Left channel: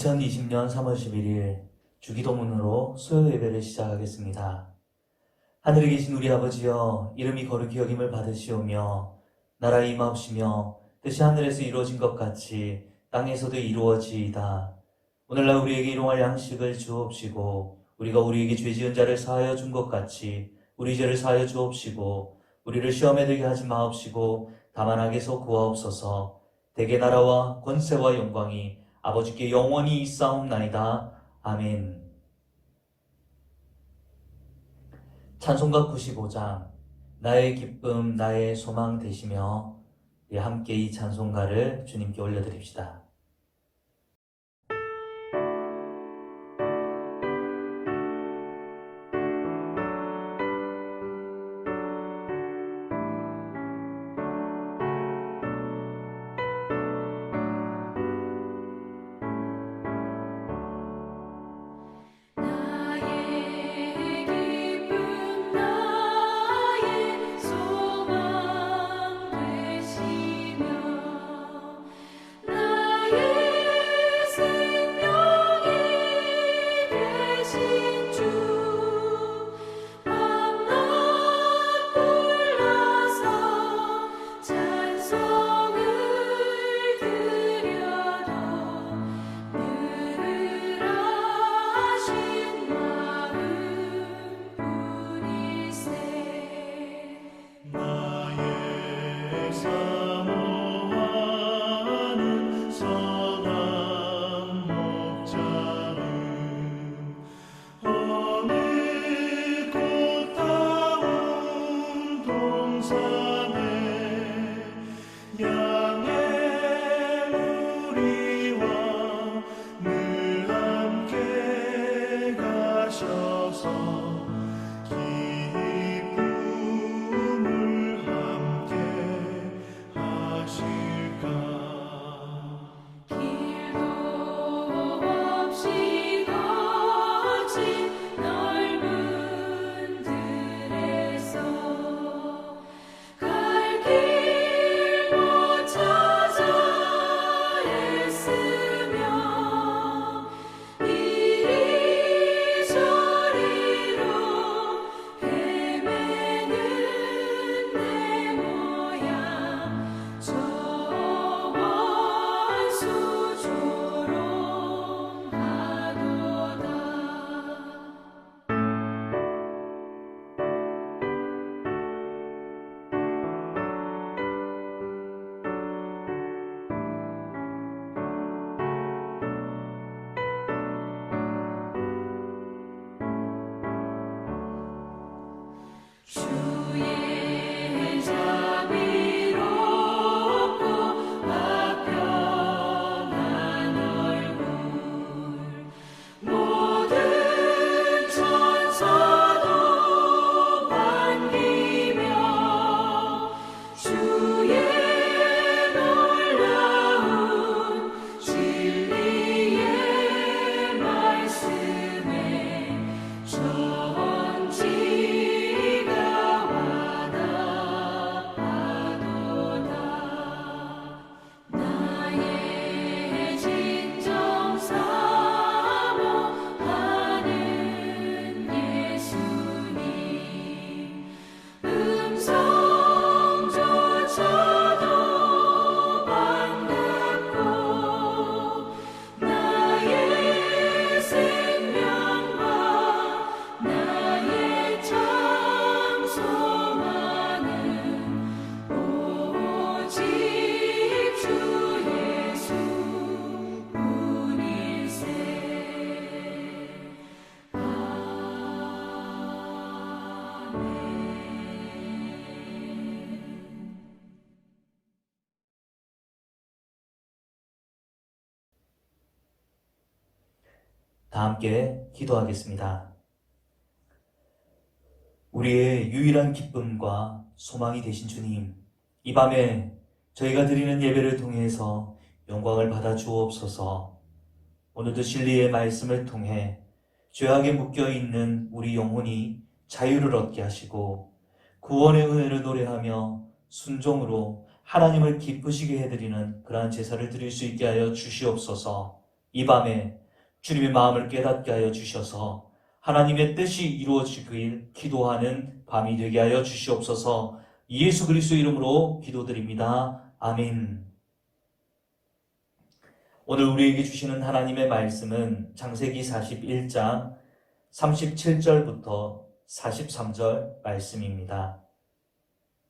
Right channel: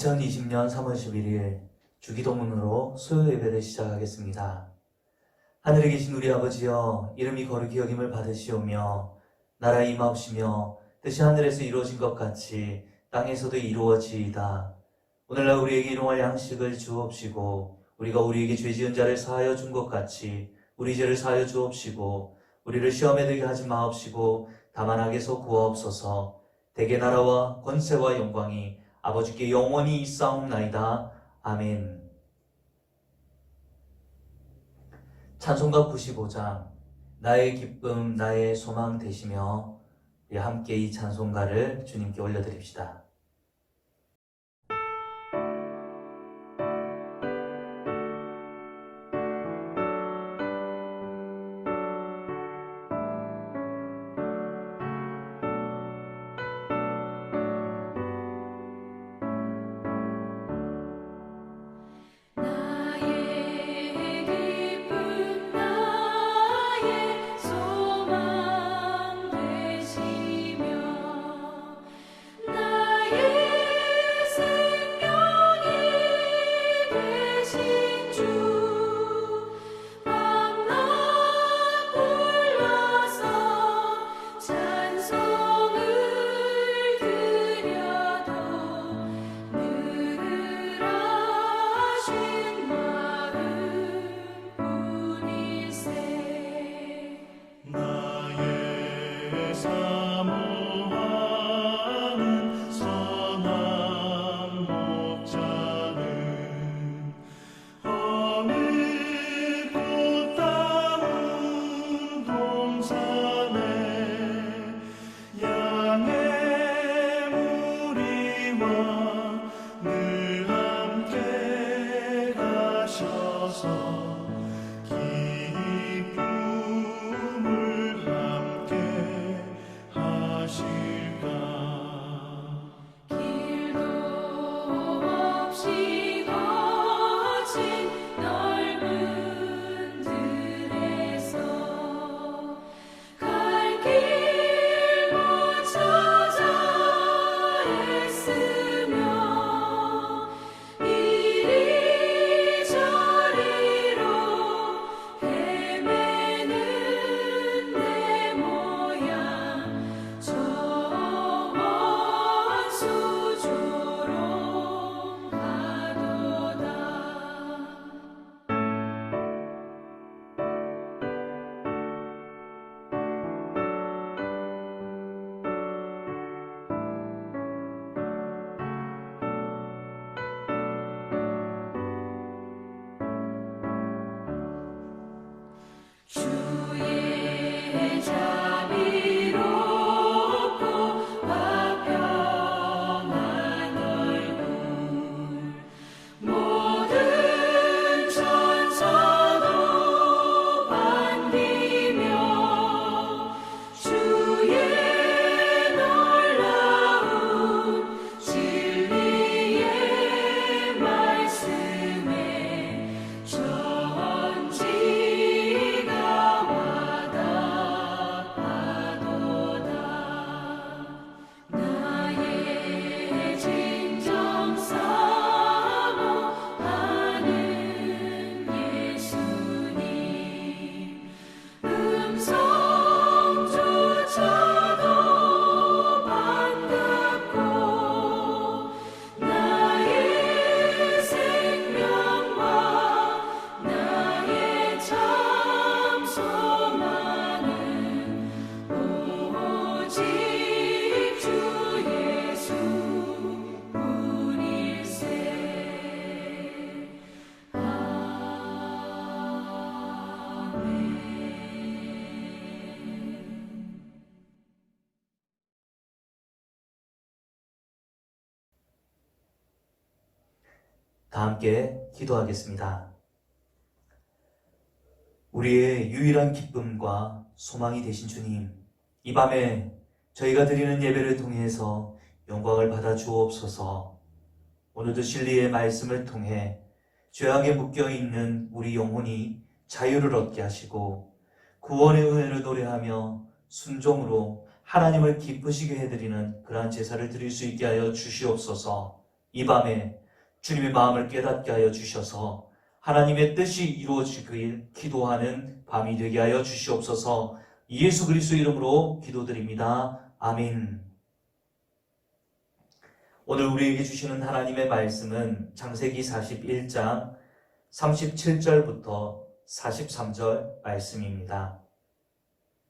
2020년 3월 11일 주기도문으로 수요 예배를 시작하겠습니다. 하늘에 계신 우리 아버지여, 이름이 거룩히 여김을 받으시오며 나라 임하옵시며 뜻이 하늘에서 이루어진 것 같이 땅에서도 이루어지이다. 오늘날 우리에게 일용할 양식을 주옵시고 우리가 우리에게 죄 지은 자를 사하여 준 것 같이 우리 죄를 사하여 주옵시고 우리를 시험에 들게 하지 마옵시고 다만 악에서 구하옵소서. 대개 나라와 권세와 영광이 아버지께 영원히 있사옵나이다. 아멘. 찬송가 95장 나의 기쁨 나의 소망 되시며, 함께 이 찬송가를 주님께 올려드립시다. 다 함께 기도하겠습니다. 우리의 유일한 기쁨과 소망이 되신 주님, 이 밤에 저희가 드리는 예배를 통해서 영광을 받아 주옵소서. 오늘도 진리의 말씀을 통해 죄악에 묶여있는 우리 영혼이 자유를 얻게 하시고 구원의 은혜를 노래하며 순종으로 하나님을 기쁘시게 해드리는 그러한 제사를 드릴 수 있게 하여 주시옵소서. 이 밤에 주님의 마음을 깨닫게 하여 주셔서 하나님의 뜻이 이루어지길 기도하는 밤이 되게 하여 주시옵소서. 예수 그리스도 이름으로 기도드립니다. 아멘. 오늘 우리에게 주시는 하나님의 말씀은 창세기 41장 37절부터 43절 말씀입니다.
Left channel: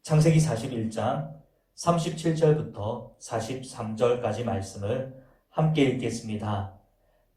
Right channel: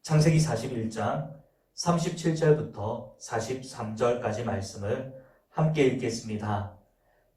창세기 41장 37절부터 43절까지 말씀을 함께 읽겠습니다.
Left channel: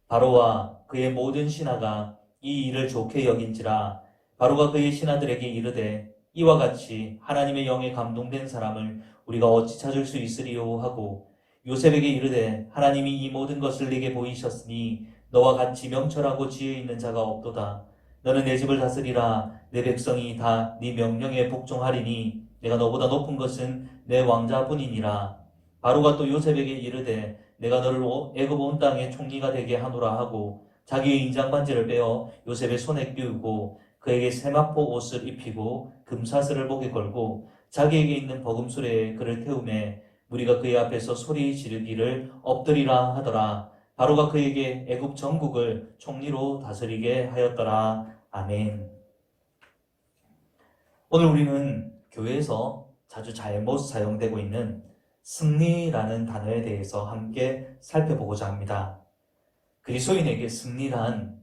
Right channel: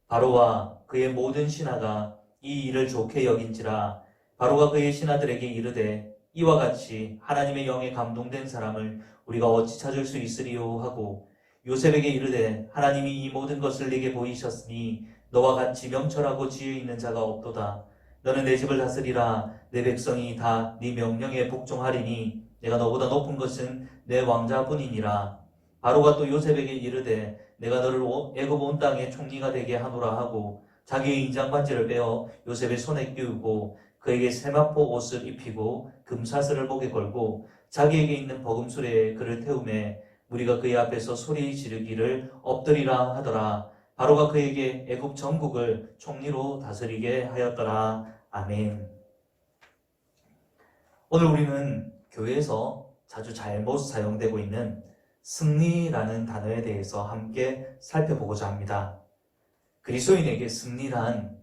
바로와 그의 모든 신하가 이 일을 좋게 여긴지라. 바로가 그의 신하들에게 이르되 이와 같이 하나님의 영에 감동된 사람을 우리가 어찌 찾을 수 있으리요 하고 요셉에게 이르되 하나님이 이 모든 것을 네게 보이셨으니 너와 같이 명철하고 지혜 있는 자가 없도다. 너는 내 집을 다스리라. 내 백성이 다 네 명령에 복종하리니 내가 너보다 높은 것은 내 왕자뿐이니라. 바로가 또 요셉에게 이르되 내가 너를 애굽 온 땅의 총리가 되게 하노라 하고 자기의 인장 반지를 빼어 요셉의 손에 끼우고 그에게 세마포 옷을 입히고 금사슬을 목에 걸고 자기에게 있는 버금수레에 그를 태우매 무리가 그의 앞에서 소리 지르기를 엎드리라 하더라. 바로가 그에게 애굽 전국을 총리로 다스리게 하였더라. 아멘. 오늘 우리는 교회에서 자주 잘못 사용되고 있는 승리라는 단어에 대해서 함께 살펴보고자 합니다. 그리스도인에게 승리란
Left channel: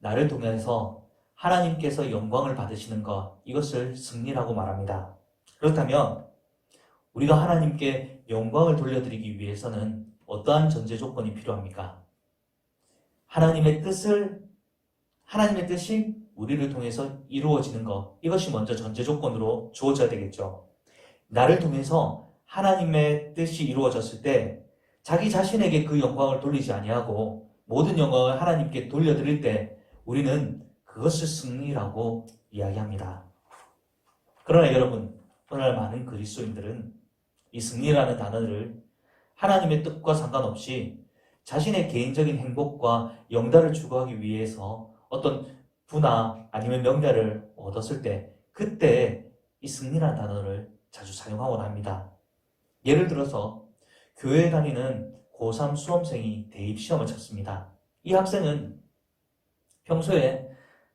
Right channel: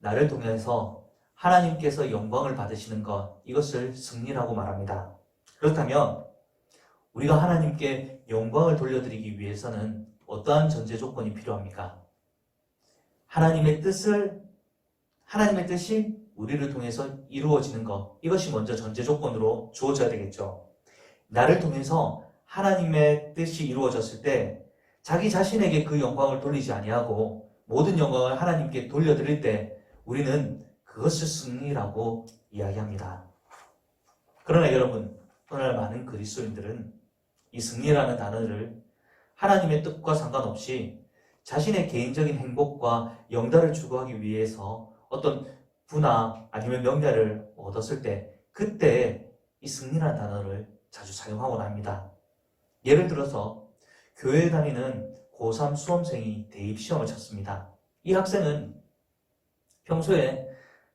나를 통해서 하나님께서 영광을 받으시는 것, 이것을 승리라고 말합니다. 그렇다면 우리가 하나님께 영광을 돌려드리기 위해서는 어떠한 전제 조건이 필요합니까? 하나님의 뜻이 우리를 통해서 이루어지는 것, 이것이 먼저 전제 조건으로 주어져야 되겠죠. 나를 통해서 하나님의 뜻이 이루어졌을 때 자기 자신에게 그 영광을 돌리지 아니하고 모든 영광을 하나님께 돌려드릴 때 우리는 그것을 승리라고 이야기합니다. 그러나 여러분, 오늘 많은 그리스도인들은 이 승리라는 단어를 하나님의 뜻과 상관없이 자신의 개인적인 행복과 영달을 추구하기 위해서 어떤 부나 아니면 명예를 얻었을 때 그때 이 승리라는 단어를 자주 사용하곤 합니다. 예를 들어서 교회에 다니는 고3 수험생이 대입시험을 쳤습니다. 이 학생은 평소에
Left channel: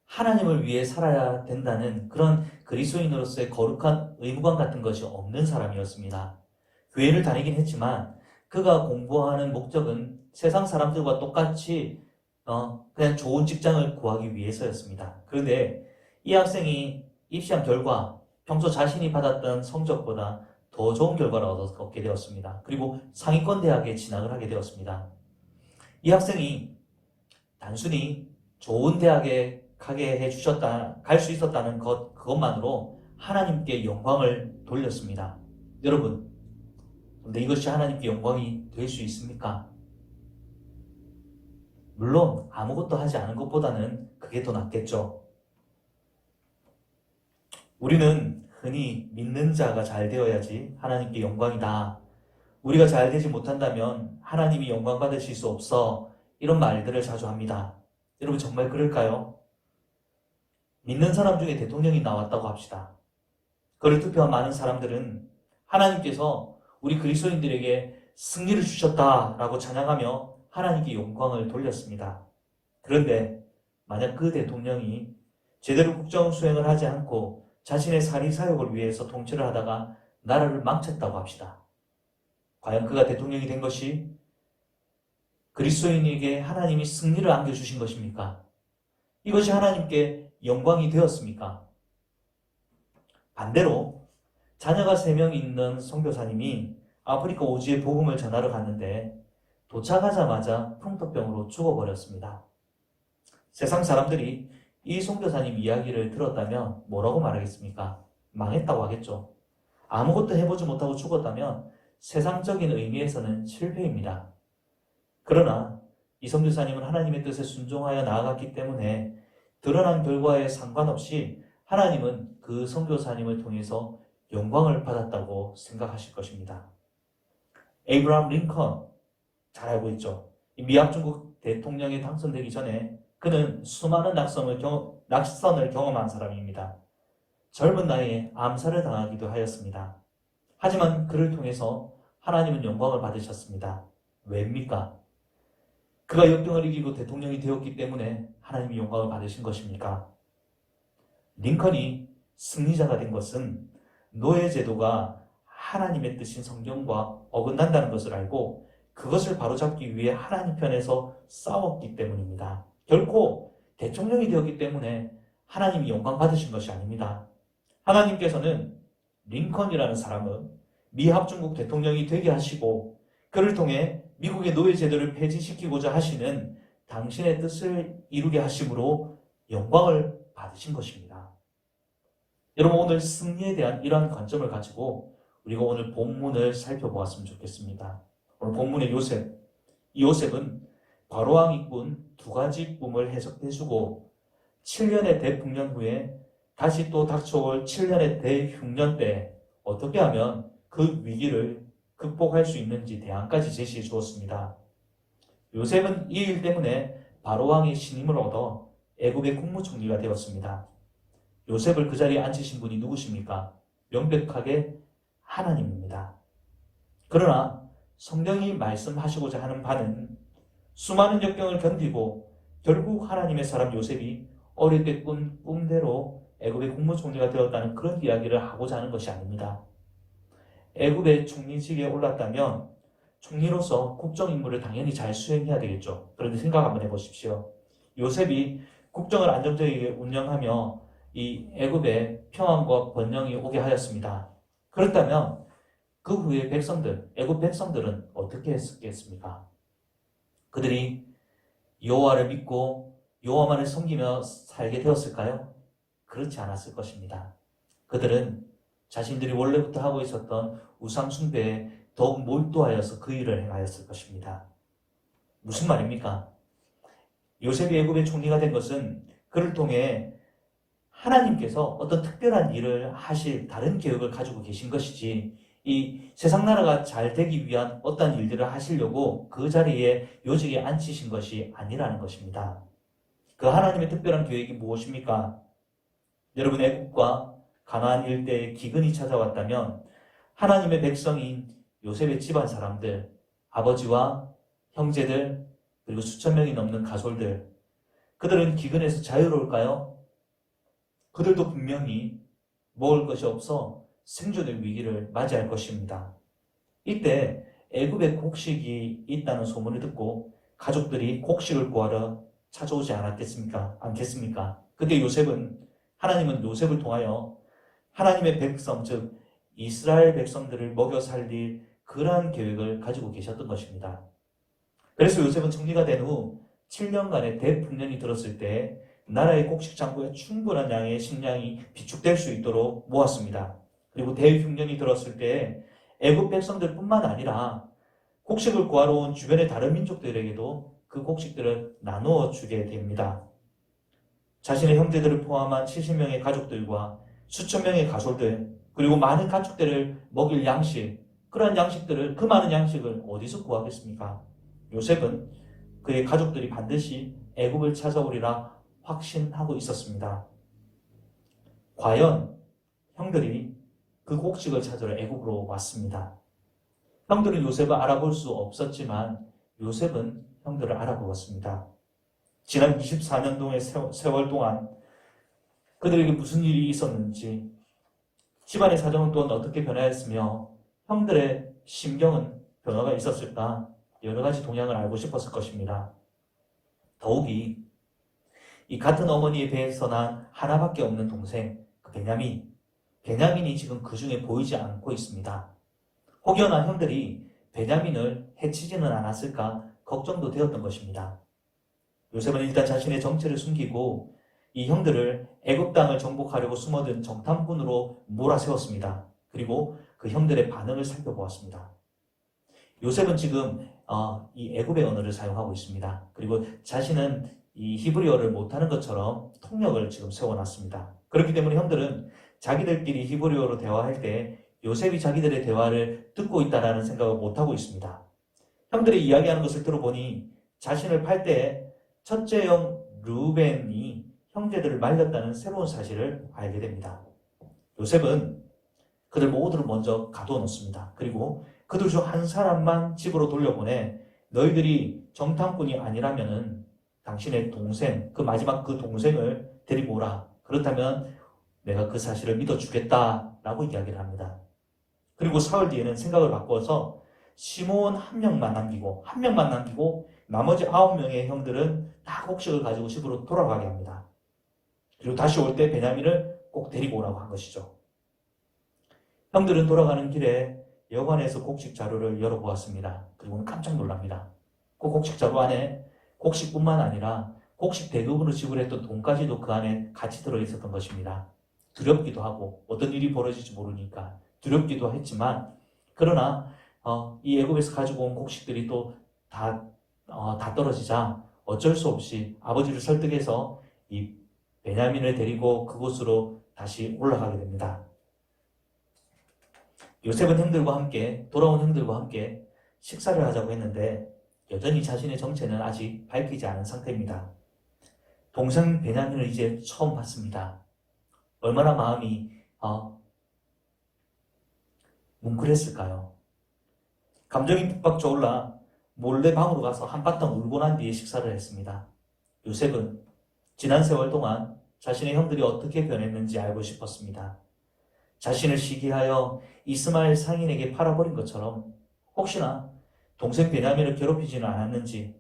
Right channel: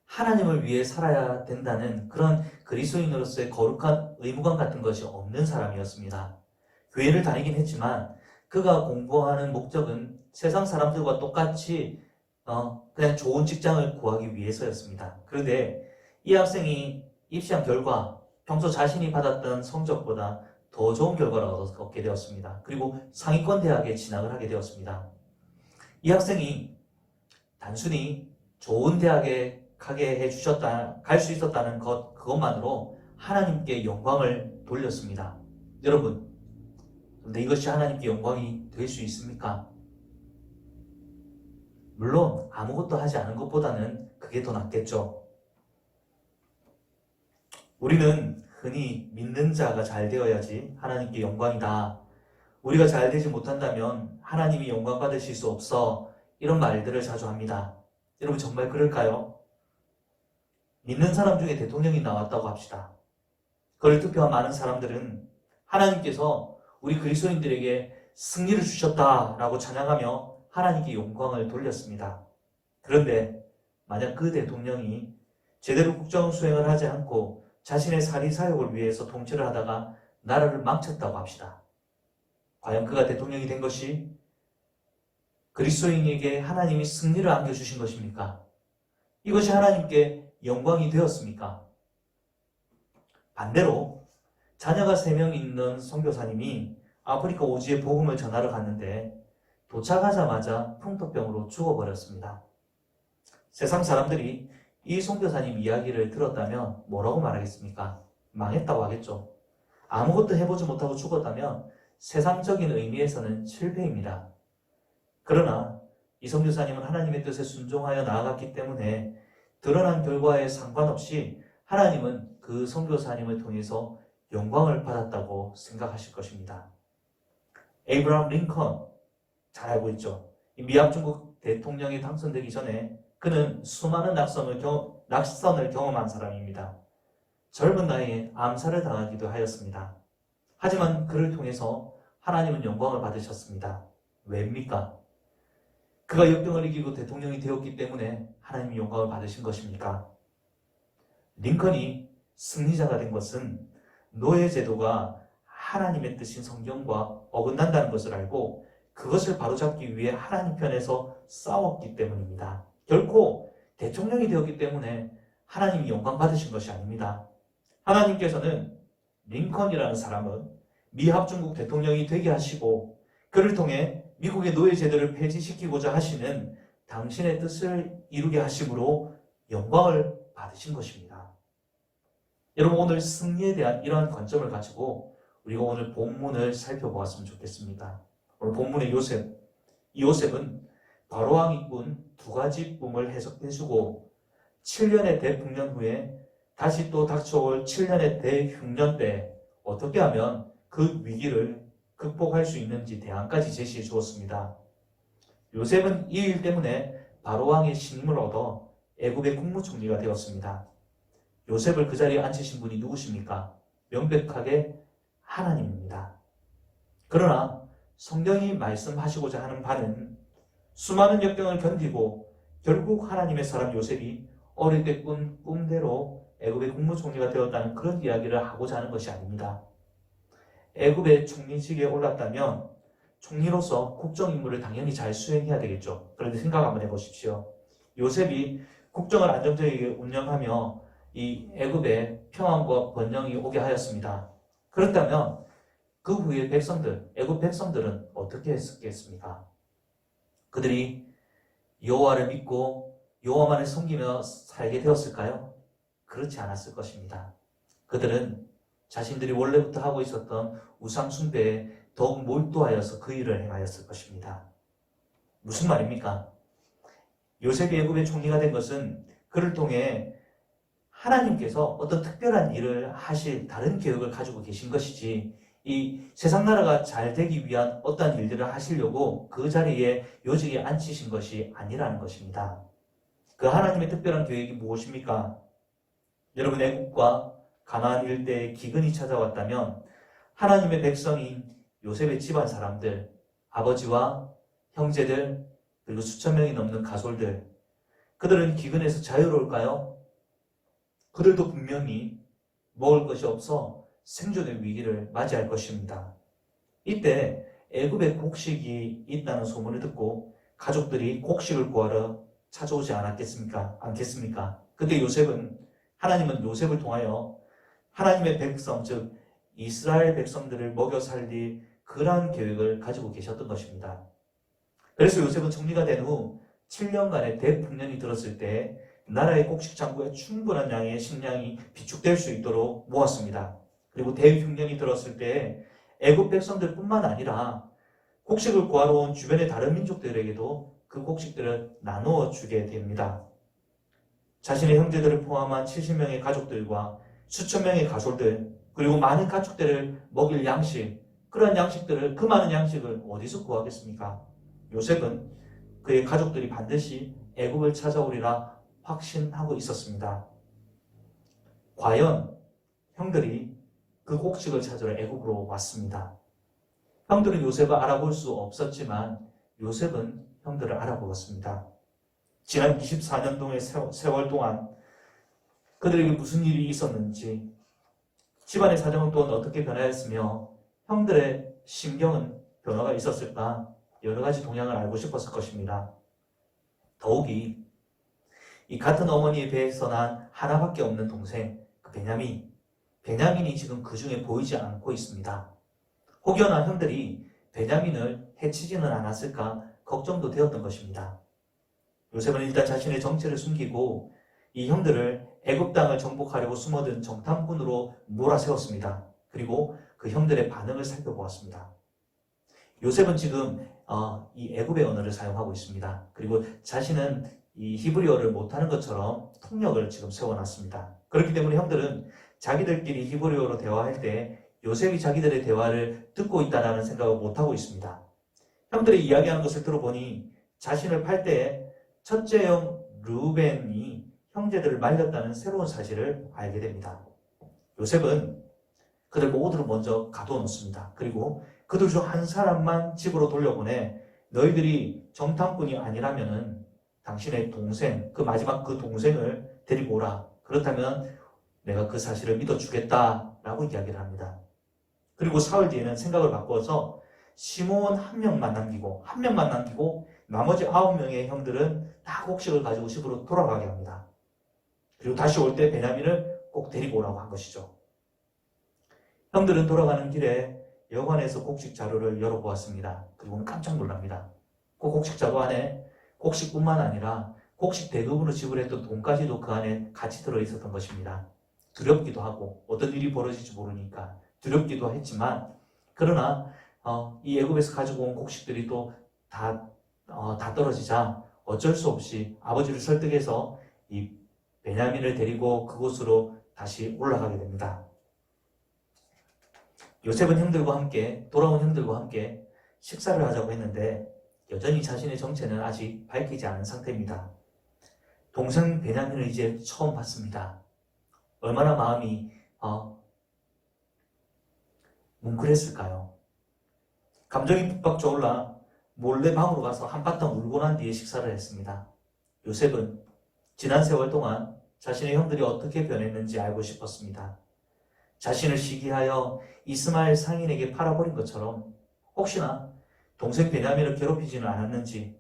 하나님을 위해 살아야 된다는 그런 그리스도인으로서의 거룩한 의무감 같은 것이 없는 사람이었습니다. 교회를 다니긴 했지만 그가 공부하는 목적은 세상 사람들과 똑같이 그냥 좋은 직장을 구하기 위해서였습니다. 그런데 이 학생이 입시한 결과 평소 자신이 받았던 성적보다 더 좋은 결과를 얻게 되었습니다. 그리고 상위권 대학에 진학을 하게 되었습니다. 이 학생이 단순히 좋은 대학에 가게 해주셨다, 갈 수 있었다는 그것만으로 하나님께 영광을 돌렸습니다. 여러분, 근데 이것이 하나님께 영광이 될 수 있습니까? 물론 아무것도 하지 않은 것보다는 그게 더 낫겠죠. 우리는 흔히 믿는 자가 잘 되어야지 하나님께 영광이다. 우리가 잘 되지 못한다면 하나님이 영광 받으실 수 없어. 이런 말들을 자주 합니다. 여러분 정말 그럴까요? 믿는 사람 중에 대통령이 나왔다고 합시다. 그를 투표한 많은 사람들은 하나님께서 우리 그리스도인들에게 승리를 주셨다라고 찬양하며 하나님께 영광을 돌렸습니다. 그런데 만약 그 대통령이 제대로 국정 수행을 하지 않고 자신의 사리사욕을 위해서 통치를 하다가 나라를 망쳤다고 합시다. 과연 그가 대통령이 된 것이 그리스도인에게 하나님이 승리를 안겨주신 것입니까? 이것이 하나님께 영광이 되었습니까? 반대로 자녀가 3명 있는 선교사님이 아프리카 오지에 복음을 전하러 갔는데 도착하자마자 풍토병으로 죽어버렸습니다. 세상 사람들이 이 선교사님 이야기를 들었다면 뭐라고 말하겠습니까? 망했다고 하겠죠. 아무것도 해보지 못하고 죽었다면 세상적인 의미에서는 실패입니다. 그러나 이 선교사님은 하나님의 뜻에 순종하여 나아갔기 때문에 드러난 결과에 상관없이 하나님은 그 선교사님을 통해서 영광을 받았다고 생각하실 것입니다. 에이브라함 링컨 잘 알고 있죠. 미합 중국 대통령이 당선되기 전에 그는 수많은 낙선을 경험한 사람입니다. 젊은 나이에 암살을 당하기도 하였습니다. 하지만 그를 통해서 하나님은 영광을 받으셨습니다. 왜입니까? 그가 역경을 이기고 대통령이 되었기 때문에 하나님이 영광을 받으신 것입니까? 링컨이 승리자가 된 것은 노예제도가 하나님의 뜻인 성경과 어긋난다는 것을 알고 그것을 바로잡기 위해 하나님 편에서 싸웠기 때문입니다. 결코 대통령이 되었기 때문에 하나님이 영광 받으신 것이 아닙니다. 하나님께서는 링컨이라는 사람은 미 합중국 대통령이 되게 하시고 그를 통해 미국의 노예제도를 폐지시키고자 하시는 당신의 뜻을 이루게 하심으로 영광을 받으신 것입니다. 여러분, 오늘 승리에 대한 이러한 관점을 가지고 우리가 오늘 본문을 살펴보았으면 좋겠습니다. 오늘 본문의 요셉, 이 요셉은 바로왕이 꾼 두 가지 꿈을 해석해주고 7년의 대풍년 후에 다시 또 닥쳐올 7년의 대흉년 때 어떻게 하면 그 위기를 극복할 수 있는지 대안까지 제시해 주었습니다. 요셉은 이 일 때문에 바로왕의 신임을 얻어 애굽의 국무총리가 되었습니다. 요셉을 그 자리에 앉히신 분이 누구십니까? 명백하게 하나님입니다. 그러나 성경이 말씀하시고자 하는 바는 수많은 역경을 견디고 결국 하나님의 사람 요셉이 어릴 때 꾼 꿈대로 애굽의 국무총리가 되었다는 그런 이야기를 하고자 하는 것이 아닙니다. 애굽의 총리직에 올랐다면 총리로서 국정 임무를 당연히 잘 수행해야 되겠죠. 그런데 생각 한번 해보십시오. 요셉이 국정을 안정적이게 운영하며 이 애굽의 평안과 번영이 오게 하였습니다. 그렇다면 그 후에 백성들, 애굽 백성들은 어떻게 했겠습니까? 그들이 여호와를 믿고 여호와만을 섬기며 살게 되었을까요? 그렇지 않았을 것입니다. 그들은 자신들이 원래부터 하고 있었던 우상 숭배에 더욱 몰두하여서 그 일을 행하였을 것입니다. 무슨 말입니까? 요셉이 애굽의 총리가 된 것은 그를 통해 하나님께서 어떤 특별한 일을 하실 다른 계획을 가지고 계신 것이지 이 세상 나라가 잘 되기 위한 어떤 일들을 하시려고 그 자리에 요직에 앉히신 것이 아니라는 것입니다. 그 하나님의 특별한 계획이 무엇입니까? 여러분, 애국과 가나안 일대에 기근이 찾아왔다면 하나님의 백성인 요셉의 집안 사람들, 아버지와 형제들, 그리고 수천 명이 넘는 가솔들, 그들은 기근에서 자유로울까요? 그들도 분명히 먹을 것이 없어 생존의 위기를 맞이할 것입니다. 이때 애굽에 곡식이 있다는 소문을 듣고 가족들이 곡식을 구하러 찾아오지 않겠습니까? 그때 하나님은 요셉을 통하여 하나님의 백성, 즉 이스라엘 백성들을 먹여 살릴 그러한 계획을 가지고 계셨던 것입니다. 그래서 요셉은 총리가 된 후 7년간의 대풍년이 들었을 때 나라의 곡식 창고에 충분한 양의 식량이 비축될 수 있도록 모았습니다. 그리고 대흉년이 들었을 때 애굽 백성들뿐만 아니라 곡식을 구하러 온 주변의 다른 민족들에게도 그 곡식들을 나누어 주게 됩니다. 자신의 형제들을 포함한 70명의 가족들과 수천 명의 가솔들, 그리고 많은 가축들을 먹일 양식, 그 많은 양식을 어디서 구하겠습니까? 요셉은 그의 가족들이 반드시 애굽을 찾아오리라 확신하고 있었습니다. 과연 형들이 그 곡식을 찾으러 애굽으로 왔습니다. 형들은 요셉을 알아볼 수 없었지만 요셉은 형들을 알아보았습니다. 지난 24년동의 세월 동안 그들에게 무슨 일이 있었는지, 집안의 사정은 또한 어떻게 변화했으며 형들의 심경은 변화가 있었을까, 여러 가지 동향을 알고 싶었을 것입니다. 더욱이 이 같은 어머니의 배에서 난 하나밖에 없는 동생, 그 베냐민이 지금 그 중에 보이지 않고 있습니다. 혹여나 형들이 베냐민을 해치지는 않았을까 걱정도 되었던 것입니다. 요셉은 일단 자신의 정체를 숨기고 이 형들을 애굽 땅을 정복하려고 숨어든 정탐꾼으로 몰아세웠습니다. 그리고 그 형들의 반응을 살펴보았습니다. 요셉은 지금 이 애굽의 언어를 사용하고 있습니다. 그리고 자신은 이 히브리어를 못하는 것처럼 통역을 지금 세워놨습니다. 그렇기 때문에 형들은 자기들끼리 히브리어로 대화할 때 요셉이 자기들의 대화를 듣고 있다는 생각을 못하고 있습니다. 형들이 이야기하는 것을 들어보니 자신을 팔 때 첫째 형 르우벤이 형제들을 말렸다는 새로운 사실을 알게 됩니다. 요셉은 그들 모두를 먼저 가두어 놓습니다. 그리고 그들 중 한 사람만 집으로 돌려보내 너희들이 정탐꾼이 아니라면은 당신의 동생, 그 마지막 그 동생을 데리고 오라. 그렇다면 내가 그 사실을 믿어주겠다라고 이야기를 합니다. 그리고 사흘 뒤에는 생각을 바꿔서 시몬 한 명만 남기고 나머지 9명의 형들은 다 곡식을 가지고 집으로 돌아가게 합니다. 그리고 다시 올 때 베냐민을 꼭 데리고 오라고 한 것이죠. 형들은 돌아가는 길에 여관에서 곡식 자루를 열어보았습니다. 그리고 깜짝 놀랍니다. 그 곡식 자루 안에 곡식뿐만 아니라 곡식 대금으로 지불했던 돈까지도 그 안에 같이 들어있었던 것입니다. 두렵기도 하고 어떤 일이 벌어질지 모르니까 두렵기도 했지만 그러나 이 애굽에서 가지고 온 곡식들이 또 다 떨어지자 어쩔 수 없이 아버지를 설득해서 이 베냐민을 데리고 그곳으로 다시 올라가게 됩니다. 요셉은 돌아온 형들과 함께 식사를 하자고 했는데 여전히 자신의 정체는 아직 밝히지 않은 상태입니다. 동생 베냐민을 이제 처음 봤습니다. 얼마나 마음이 뭉클했을까요? 감정이 북박 솟올라 몰래 방으로 가서 한바탕 울고 난 뒤에 식사를 했습니다. 요셉은 지난 세월 동안 자신의 형들이 어떻게 변했는지 알고 싶었습니다. 자신을 시기하여 이스마엘 상인에게 팔아버린 것처럼 혹시나 동생 베냐민을 괴롭히지는 않았는지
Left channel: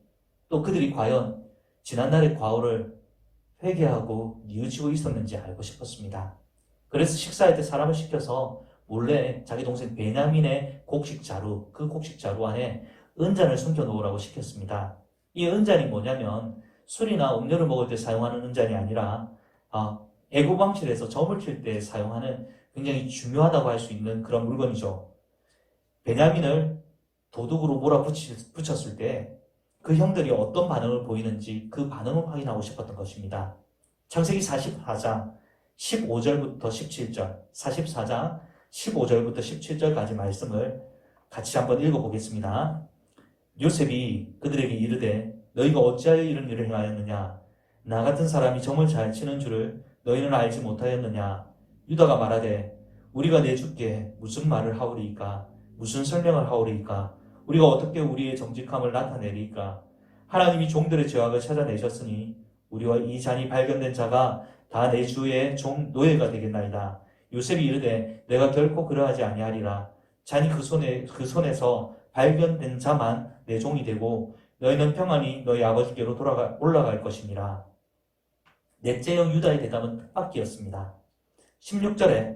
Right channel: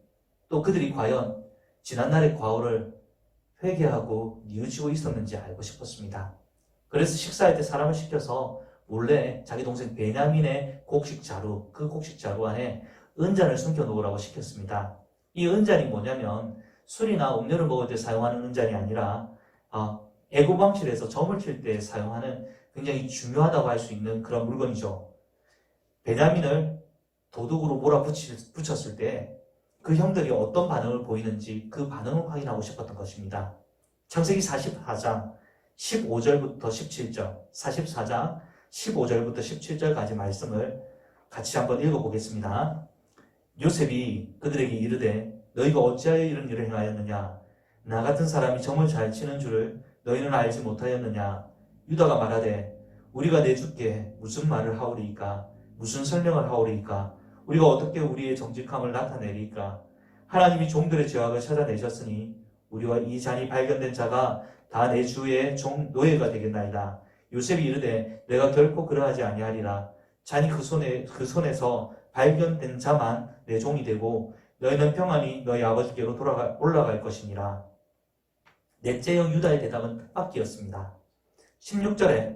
또 그들이 과연 지난날의 과오를 회개하고 뉘우치고 있었는지 알고 싶었습니다. 그래서 식사할 때 사람을 시켜서 몰래 자기 동생 베냐민의 곡식 자루, 그 곡식 자루 안에 은잔을 숨겨놓으라고 시켰습니다. 이 은잔이 뭐냐면 술이나 음료를 먹을 때 사용하는 은잔이 아니라 애국 왕실에서 점을 칠 때 사용하는 굉장히 중요하다고 할 수 있는 그런 물건이죠. 베냐민을 도둑으로 몰아붙였을 때 그 형들이 어떤 반응을 보이는지 그 반응을 확인하고 싶었던 것입니다. 창세기 44장 15절부터 17절, 44장 15절부터 17절까지 말씀을 같이 한번 읽어보겠습니다. 요셉이 그들에게 이르되 너희가 어찌하여 이런 일을 행하였느냐? 나 같은 사람이 점을 잘 치는 줄을 너희는 알지 못하였느냐? 유다가 말하되 우리가 내 주께 무슨 말을 하오리이까? 무슨 설명을 하오리이까? 우리가 어떻게 우리의 정직함을 나타내리이까? 하나님이 종들의 죄악을 찾아내셨으니 우리와 이 잔이 발견된 자가 다 내 주의 노예가 되겠나이다. 요셉이 이르되 내가 결코 그러하지 아니하리라. 잔이 그 손에서 발견된 자만 내 종이 되고 너희는 평안히 너희 아버지께로 올라갈 것이니라. 넷째 형 유다의 대답은 뜻밖이었습니다. 16절에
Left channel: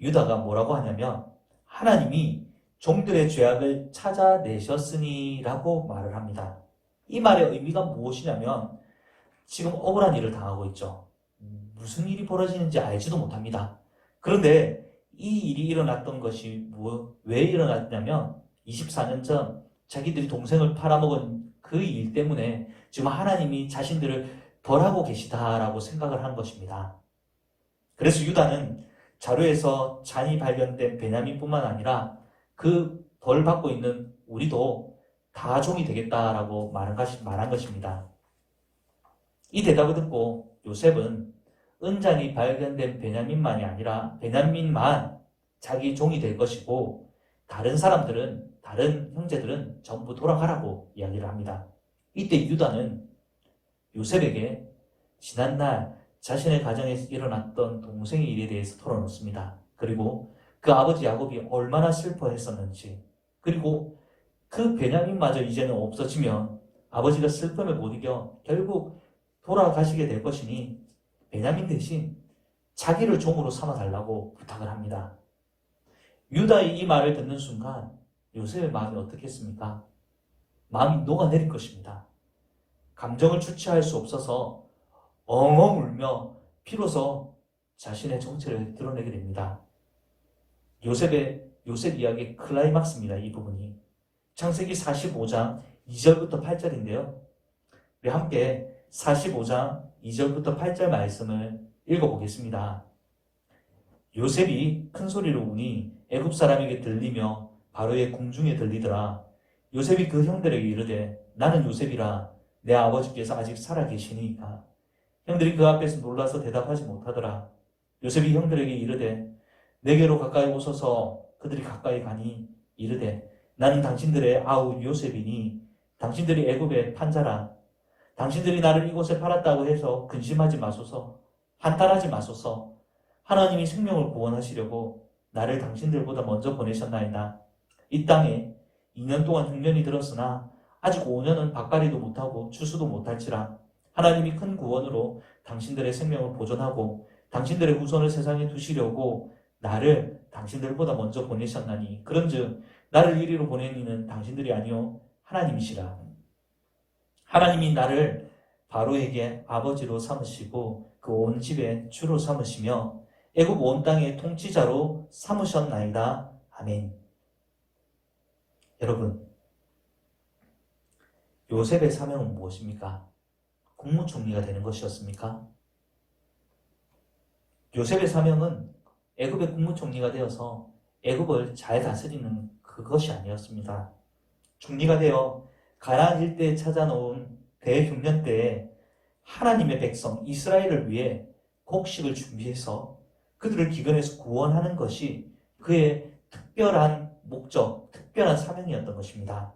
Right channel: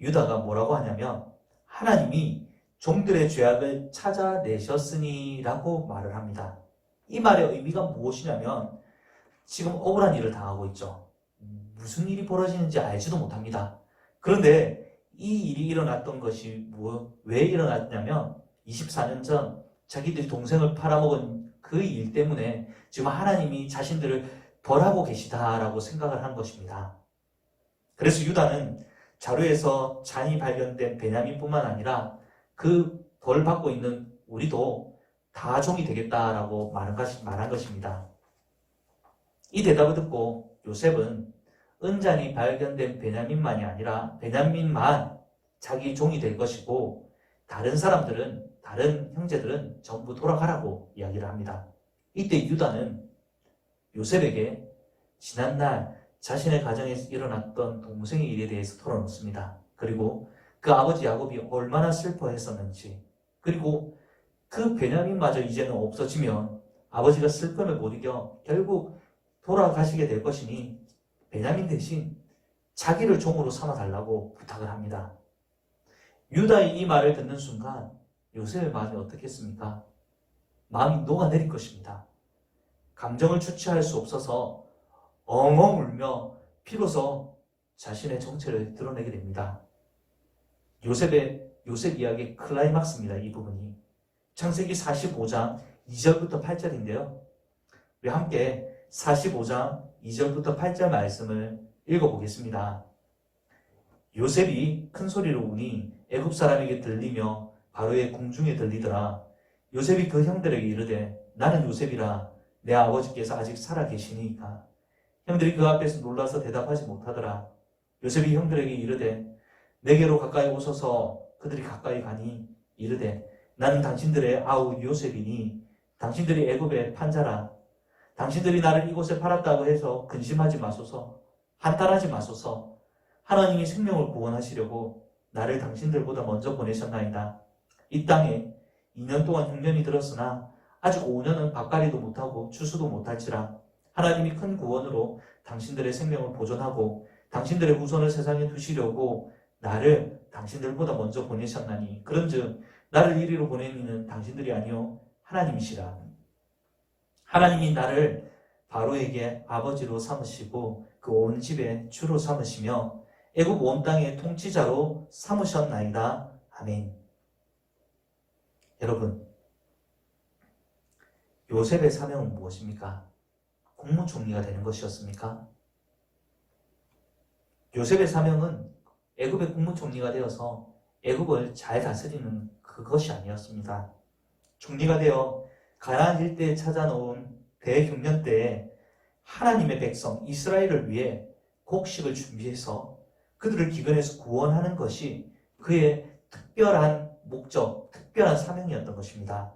유다가 뭐라고 하냐면 하나님이 종들의 죄악을 찾아내셨으니 라고 말을 합니다. 이 말의 의미가 무엇이냐면 지금 억울한 일을 당하고 있죠. 무슨 일이 벌어지는지 알지도 못합니다. 그런데 이 일이 일어났던 것이 왜 일어났냐면 24년 전 자기들이 동생을 팔아먹은 그 일 때문에 지금 하나님이 자신들을 벌하고 계시다라고 생각을 한 것입니다. 그래서 유다는 자루에서 잔이 발견된 베냐민뿐만 아니라 그 벌 받고 있는 우리도 다 종이 되겠다라고 말한 것입니다. 이 대답을 듣고 요셉은 은잔이 발견된 베냐민만이 아니라 베냐민만 자기 종이 될 것이고 다른 형제들은 전부 돌아가라고 이야기를 합니다. 이때 유다는 요셉에게 지난날 자신의 가정에서 일어났던 동생의 일에 대해서 털어놓습니다. 그리고 그 아버지 야곱이 얼마나 슬퍼했었는지, 그리고 그 베냐민마저 이제는 없어지면 아버지가 슬픔을 못 이겨 결국 돌아가시게 될 것이니 베냐민 대신 자기를 종으로 삼아달라고 부탁을 합니다. 유다의 이 말을 듣는 순간 요셉의 마음이 어떻겠습니까? 마음이 녹아내릴 것입니다. 감정을 주체할 수 없어서 엉엉 울며 비로소 자신의 정체를 드러내게 됩니다. 요셉 이야기의 클라이막스입니다. 이 부분이 창세기 45장 2절부터 8절인데요. 우리 함께 45장 2절부터 8절 말씀을 읽어보겠습니다. 요셉이 큰 소리로 우니 애굽 사람에게 들리며 바로의 궁중에 들리더라. 요셉이 그 형들에게 이르되 나는 요셉이라 내 아버지께서 아직 살아계시니까. 형들이 그 앞에서 놀라서 대답하지 못하더라. 요셉이 형들에게 이르되 내게로 가까이 오소서. 그들이 가까이 가니 이르되 나는 당신들의 아우 요셉이니 당신들이 애굽의 판자라. 당신들이 나를 이곳에 팔았다고 해서 근심하지 마소서. 한탄하지 마소서. 하나님이 생명을 구원하시려고 나를 당신들보다 먼저 보내셨나이다. 이 땅에 2년 동안 흉년이 들었으나 아직 5년은 밭갈이도 못하고 추수도 못할지라. 하나님이 큰 구원으로 당신들의 생명을 보존하고 당신들의 후손을 세상에 두시려고 나를 당신들보다 먼저 보내셨나니 그런즉 나를 이리로 보낸 이는 당신들이 아니요 하나님이시라. 하나님이 나를 바로에게 아버지로 삼으시고 그 온 집의 주로 삼으시며 애굽 온 땅의 통치자로 삼으셨나이다. 아멘. 여러분, 요셉의 사명은 무엇입니까? 국무총리가 되는 것이었습니까? 요셉의 사명은 애굽의 국무총리가 되어서 애굽을 잘 다스리는 그것이 아니었습니다. 총리가 되어 가나안 일대에 찾아놓은 대흉년 때에 하나님의 백성 이스라엘을 위해 곡식을 준비해서 그들을 기근에서 구원하는 것이 그의 특별한 목적, 특별한 사명이었던 것입니다.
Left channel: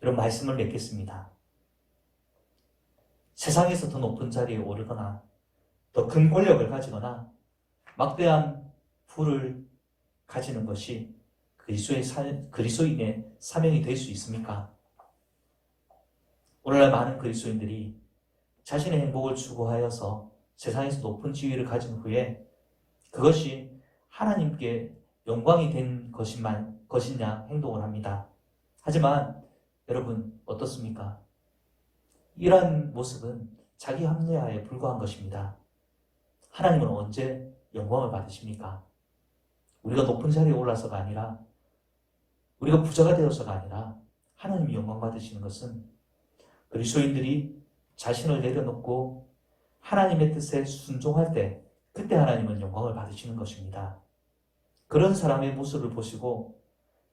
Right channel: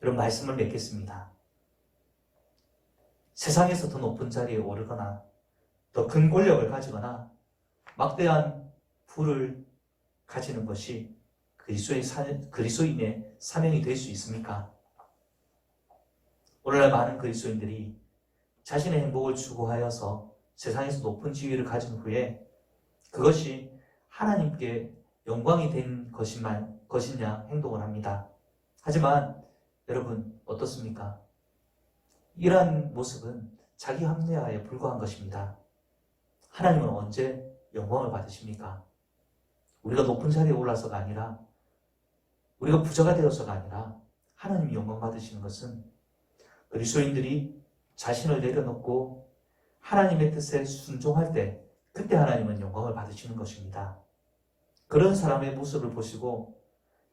이런 말씀을 맺겠습니다. 세상에서 더 높은 자리에 오르거나 더 큰 권력을 가지거나 막대한 부를 가지는 것이 그리스도인의 사명이 될 수 있습니까? 오늘날 많은 그리스도인들이 자신의 행복을 추구하여서 세상에서 높은 지위를 가진 후에 그것이 하나님께 영광이 된 것이냐 행동을 합니다. 하지만 여러분 어떻습니까? 이러한 모습은 자기 합리화에 불과한 것입니다. 하나님은 언제 영광을 받으십니까? 우리가 높은 자리에 올라서가 아니라 우리가 부자가 되어서가 아니라 하나님이 영광 받으시는 것은 그리스도인들이 자신을 내려놓고 하나님의 뜻에 순종할 때 그때 하나님은 영광을 받으시는 것입니다. 그런 사람의 모습을 보시고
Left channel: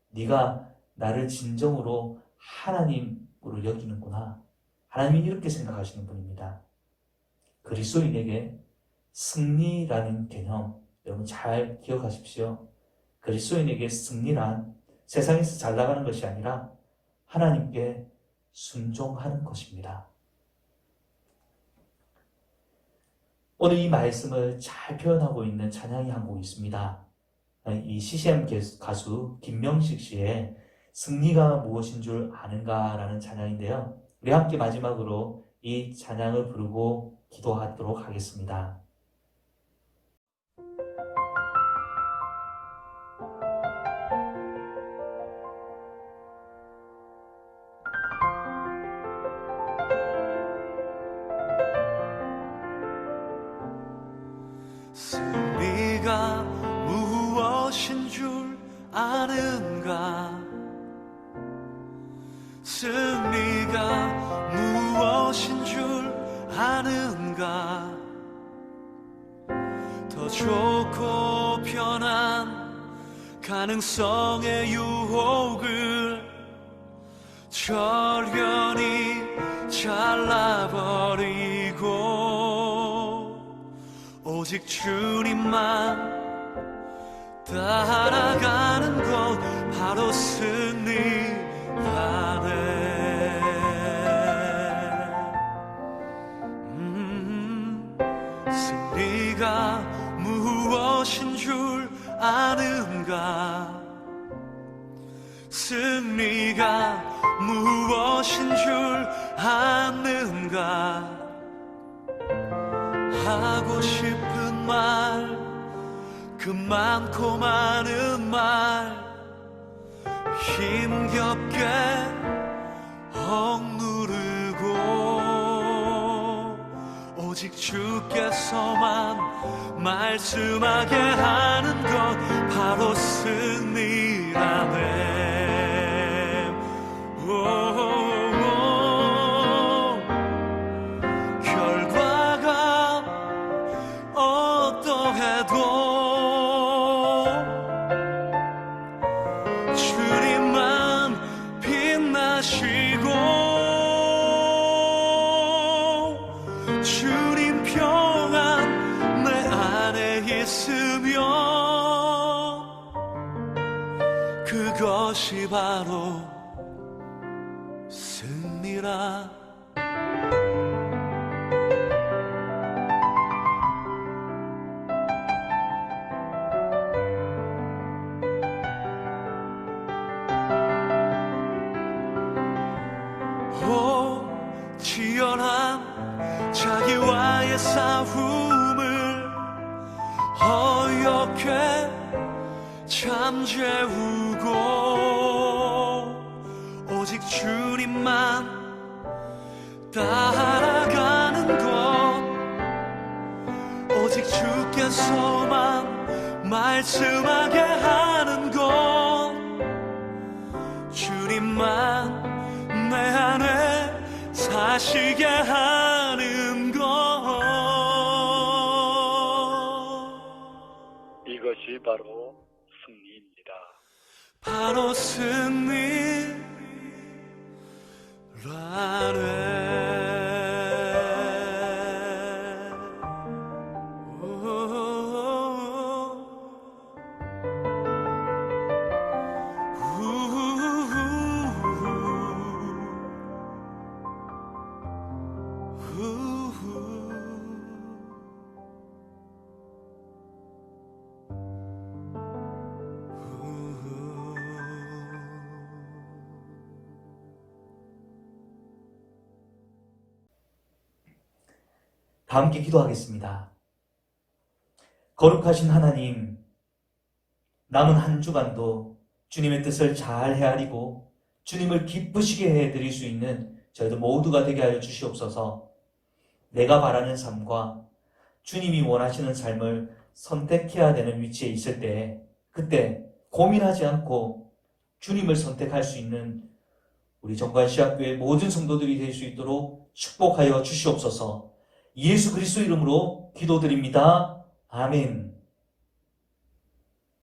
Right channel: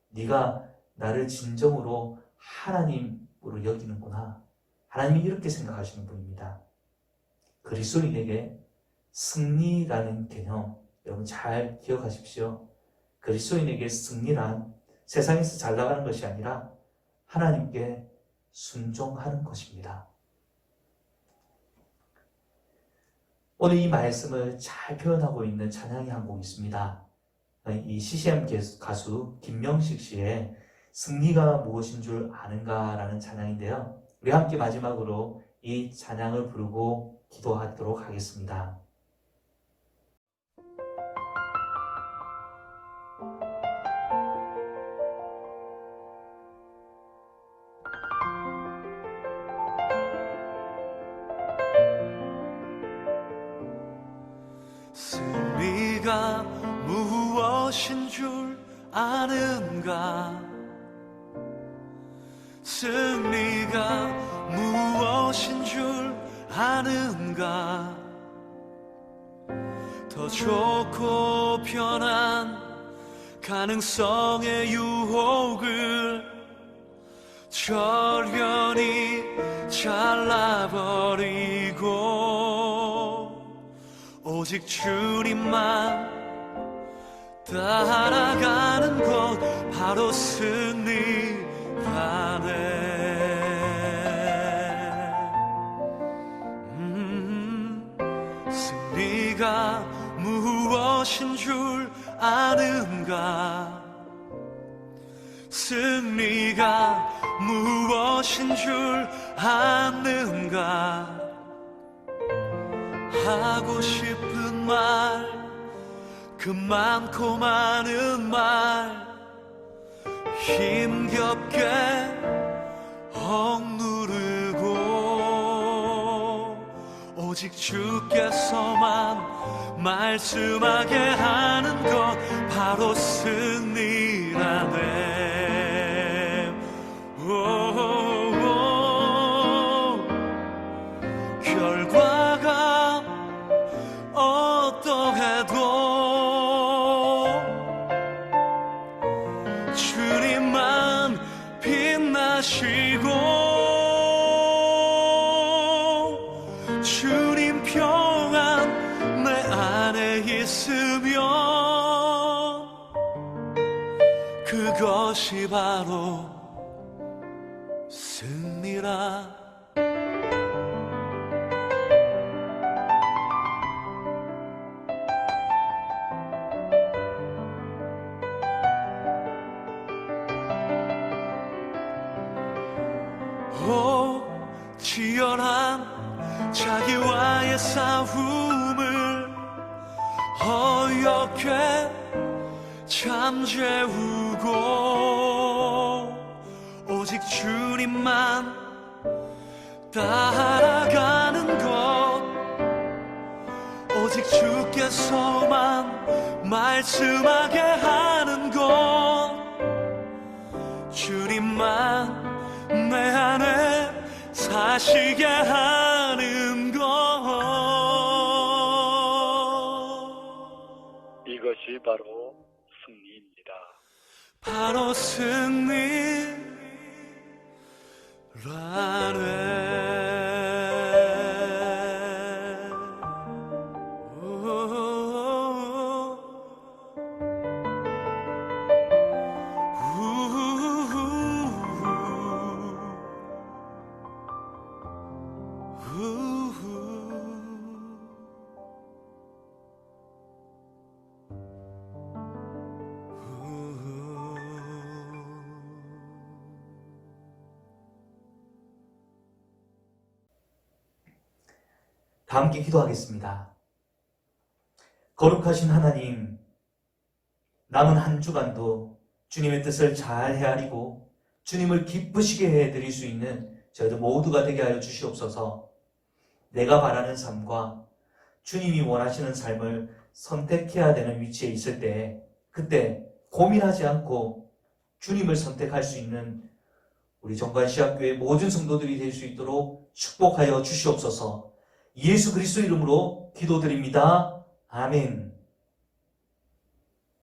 네가 나를 진정으로 하나님으로 여기는구나. 하나님이 이렇게 생각하시는 분입니다. 그리스도인에게 승리라는 개념 여러분 잘 기억하십시오. 그리스도인에게 승리란 세상에서 잘 나가는 것이 아니라 하나님께 순종하는 것입니다. 오늘 이 말씀을 잘 표현하고 있는 찬양이 한 곡 있습니다. 이 CCM 가수 김명식 씨의 승리가 무엇인 줄 아는가라는 찬양인데요. 우리 함께 마지막으로 이 찬양을 부르고 기도하도록 하겠습니다. 승리가 무엇인 줄 아는가? 승리가 무엇인 줄 아는가? 더 좋고 편한 가능성의 유혹을 절연히 잘라버리고 오직 주님만 따라가는 것 바로 승리라네. 승리가 무엇인 줄 아는가? 승리가 무엇인 줄 아는가? 하고 싶은 말, 그 많고 많은 말 힘겹게 억누르고 오직 주께서만 말씀하게 하는 것 바로 승리라네. 결과가 어떠해도 주님만 빛나시고 주님 평안 내 안에 있으면 그것이 바로 승리라. 오 치열한 자기와의 싸움을 어렵게 잠재우고 오직 주님만 따라가는 것, 오직 주께서만 말씀하게 하는 것, 주님만 내 안에 사시게 하는 것, 이것이 바로 승리입니다. 바로 승리라네. 다 함께 기도하겠습니다. 거룩하신 하나님, 남은 한 주간도 주님의 뜻을 잘 헤아리고 주님을 기쁘시게 해드릴 수 있는 저희들 모두가 되게 하여 주시옵소서. 내가 바라는 삶과 주님이 원하시는 삶을 선택해야 되는 위치에 있을 때, 그때 고민하지 않고 주님을 선택할 수 있는 우리 정관시학교의 모든 성도들이 될 수 있도록 축복하여 주시옵소서. 예수 그리스도 이름으로 기도드립니다. 아멘.